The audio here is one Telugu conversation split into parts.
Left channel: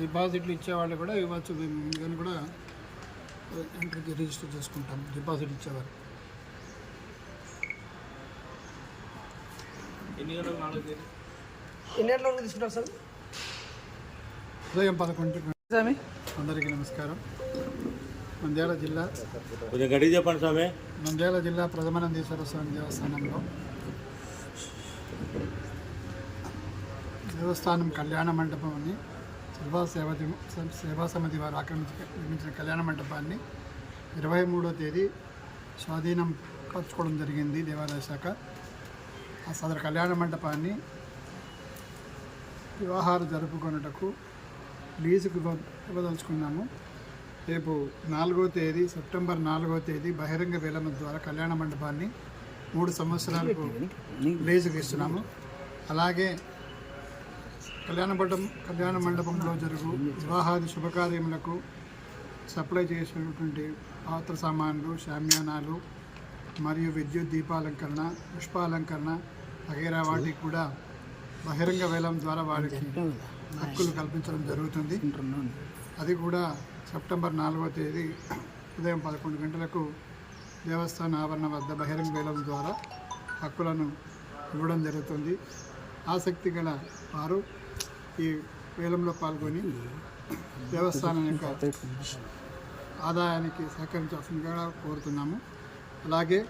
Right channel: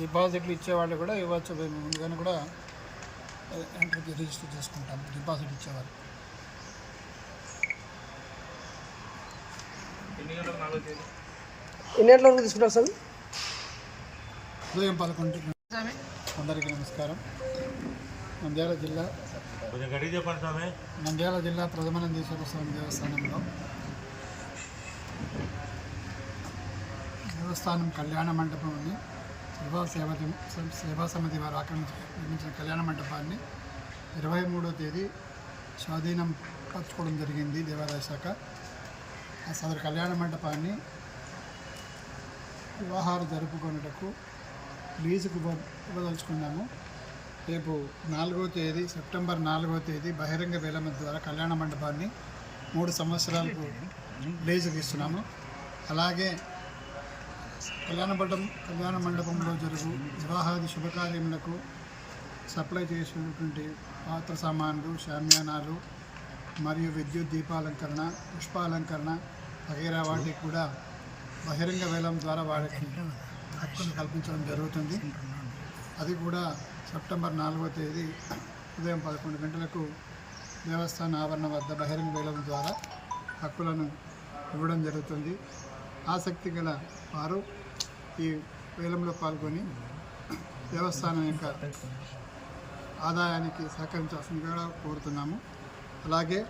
డిపాజిట్లు ఇచ్చేవాళ్ళు కూడా ఇవ్వచ్చు. ముందుగానే కూడా ఎంట్రీ రిజిస్టర్ చేసుకుంటాం. డిపాజిట్ ఇచ్చేవాళ్ళు. ఎన్ని గంటల వరకు తీసుకుంటారు సార్? ఉదయం పదకొండు అందరికీ నమస్కారం. నంద్యాల జిల్లా చెప్పండి స్వామి. నంద్యాల జిల్లా ప్రథమానందేశ్వర స్వామి దేవస్థానంలో దేవస్థానం కళ్యాణ మండపం అని శివా సేవ సేవా సమితి వారు ఆక్రమించి నిర్మించిన కళ్యాణ మండపాన్ని ఇరవై మూడో తేదీ స్వాధీనం పరచుకోవడం జరిగింది దేవాదాయ శాఖ. ఆ సదరు కళ్యాణ మండపాన్ని వివాహాలు జరుపుకొనుటకు లీజుకు ఇవ్వ ఇవ్వదలుచుకున్నాము. రేపు నాలుగో తేదీ సెప్టెంబర్ నాలుగో తేదీ బహిరంగ వేలం ద్వారా కళ్యాణ మండపాన్ని మూడు సంవత్సరాలకు లీజుకు ఇస్తున్నాము అలాగే కళ్యాణ మండపం కళ్యాణ మండపంలో జరుగు వివాహాది శుభకార్యములకు సప్లై చేసినటువంటి పాత్ర సామాన్లు శామ్యానాలు మరియు విద్యుత్ దీపాలంకరణ పుష్పాలంకరణ వగైరా వాటికి కూడా బహిరంగ వేలం ద్వారా వారికి హక్కులు కల్పించడం జరుగుతుంది. అది కూడా సెప్టెంబర్ నాలుగో తేదీ ఉదయం పదకొండు గంటలకు దేవస్థాన ఆవరణ వద్ద బహిరంగ వేలం ద్వారా హక్కులను ఇవ్వడం జరుగుతుంది. ఆసక్తి గల వారు ఈ వేలంలో పాల్గొని దేవస్థానం యొక్క ఆదాయానికి సహకరించాల్సిందిగా కోరుతున్నాము. అలాగే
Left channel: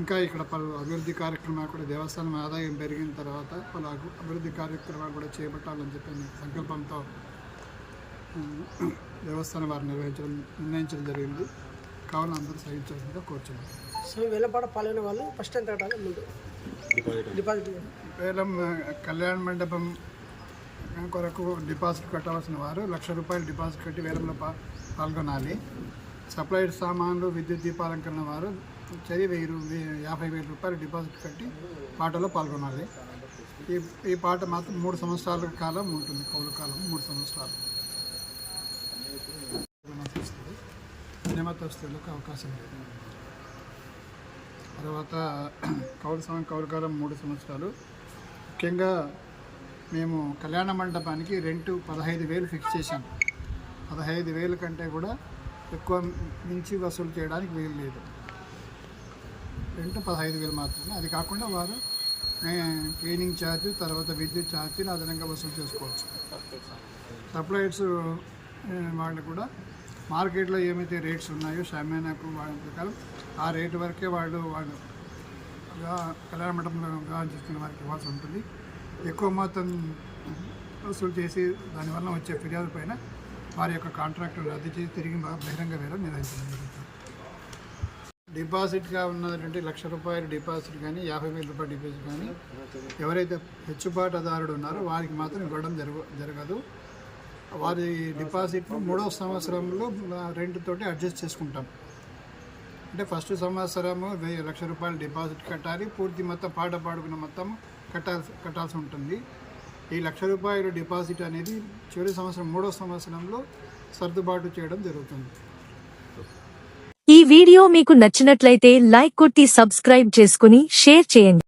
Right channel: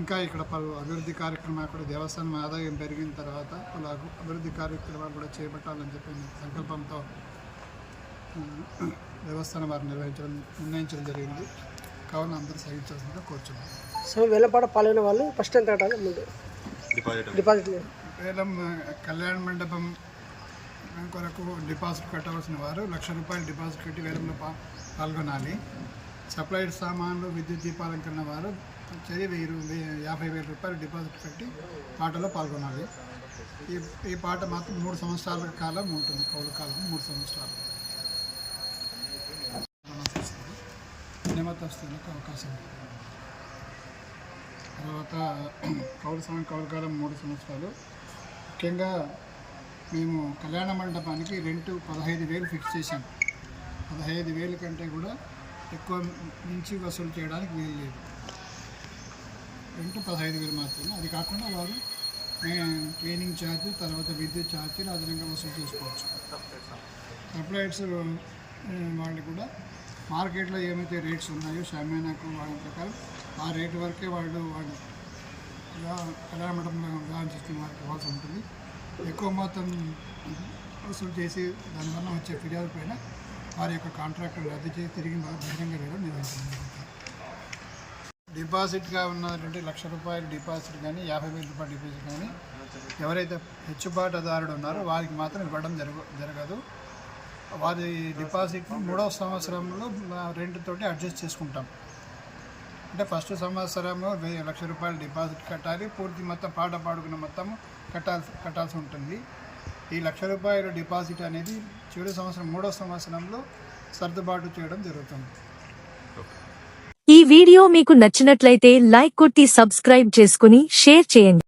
ఇంకా ఇక్కడ పలు అభివృద్ధి కార్యక్రమాలు కూడా దేవస్థానం ఆదాయం పెరిగిన తర్వాత పలు అభివృద్ధి కార్యక్రమాలు కూడా చేపట్టాలని చెప్పిన సంకల్పంతో దేవస్థానం వారు నిర్వహించడం నిర్ణయించడం జరిగింది. కావున అందరూ సహించాల్సిందిగా కోరుచున్నాం. సో వేలపాట పాల్గొనే వాళ్ళు ఫస్ట్ ఎంత డిపాజిట్ డిపాజిట్. వేలం కళ్యాణ మండపం కొరకు డిపాజిట్ కట్టవలసిన వారు లక్ష రూపాయలు డిపాజిట్ కట్టి వేలంలో పా పాల్గొనాలి. సప్లైడ్ సామాన్లు విద్యుత్ దీపాలంకరణ వారు చది వెయ్యి రూ- వెయ్యి- యాభై వేల రూపాయలు డిపాజిట్ కట్టి పాటలో పాల్గొనాలి. ఈ ఈ పాట మాత్రం మూడు సంవత్సరాల కాలం ఉంటుంది. కౌలు కాలం మూడు సంవత్సరాలు. వస్తుంది. నియమతస్తులకు అవకాశం ఉంది తర్వాత కౌలు సమయం కౌలు కాలం మూడు సంవత్సరాలు. ముఖ్యంగా మేము కళ్యాణ మండపానికి రెంటు పదహైదు వేలు ఫిక్స్ చేశాం. పదహైదు వేలు కంటే కూడా ఎక్కువ మించి వసూలు చేయడానికి వీలు లేదు. రెంటు పదహైదు వేలు మాత్రమే. అది కాకుండా వారు క్లీనింగ్ ఛార్జ్ తర్వాత విద్యుత్ ఛార్జీలు అదనంగా వసూలు చేసుకోవచ్చు. సప్లైర్స్ వాళ్ళు కూడా మార్కెట్లో ఏమైతే రేట్స్ ఉన్నాయో షామేనాకు వాళ్ళ ప్రకారం ఆ రేటు వరకే వాళ్ళు వాళ్ళు కళ్యాణ మండపంలో వివాహం చేస్తున్న వారికి ఇవ్వాల్సి ఉంటుంది. ఎక్కువ మొత్తం వసూలు చేసి దానివల్ల వచ్చే ఫిర్యాదు పైన వారి యొక్క కాంట్రాక్టు రద్దు చేసి తిరిగి బహిరంగ వేయడం నిర్వహించడం జరుగుతుంది. డిపాజిట్గా ఉన్నటువంటి లక్ష రూపాయల డిపాజిట్ కానీ యాభై వేల రూపాయల డిపాజిట్ కానీ ఎవరైతే హెచ్చుబాటుదారుడు ఉన్నారో వారికి మాత్రం ఇవ్వడం జరగ జరగదు. వారి డిపాజిట్ను మూడవ సంవత్సరంలో రెంట్తోటి అడ్జస్ట్ చేసుకుంటాం. అంటే ఫస్ట్ సంవత్సరము వెయ్యి లక్ష రూపాయలు డిపాజిట్ కట్టాలి పూర్తి మొత్తం పాట పాడుకున్న మొత్తం కట్టాల్సి కట్టాల్సి ఉంటుంది. ఈ లక్ష రూపాయల డిపాజిట్ అనేది చివరి సంవత్సరం మూడో సంవత్సరంలో సర్దుబాటు చేయడం జరుగుతుంది. ఈ వీడియో మీకు నచ్చినట్లయితే లైక్ కొట్టి సబ్స్క్రైబ్ చేసుకుని షేర్ చేయండి.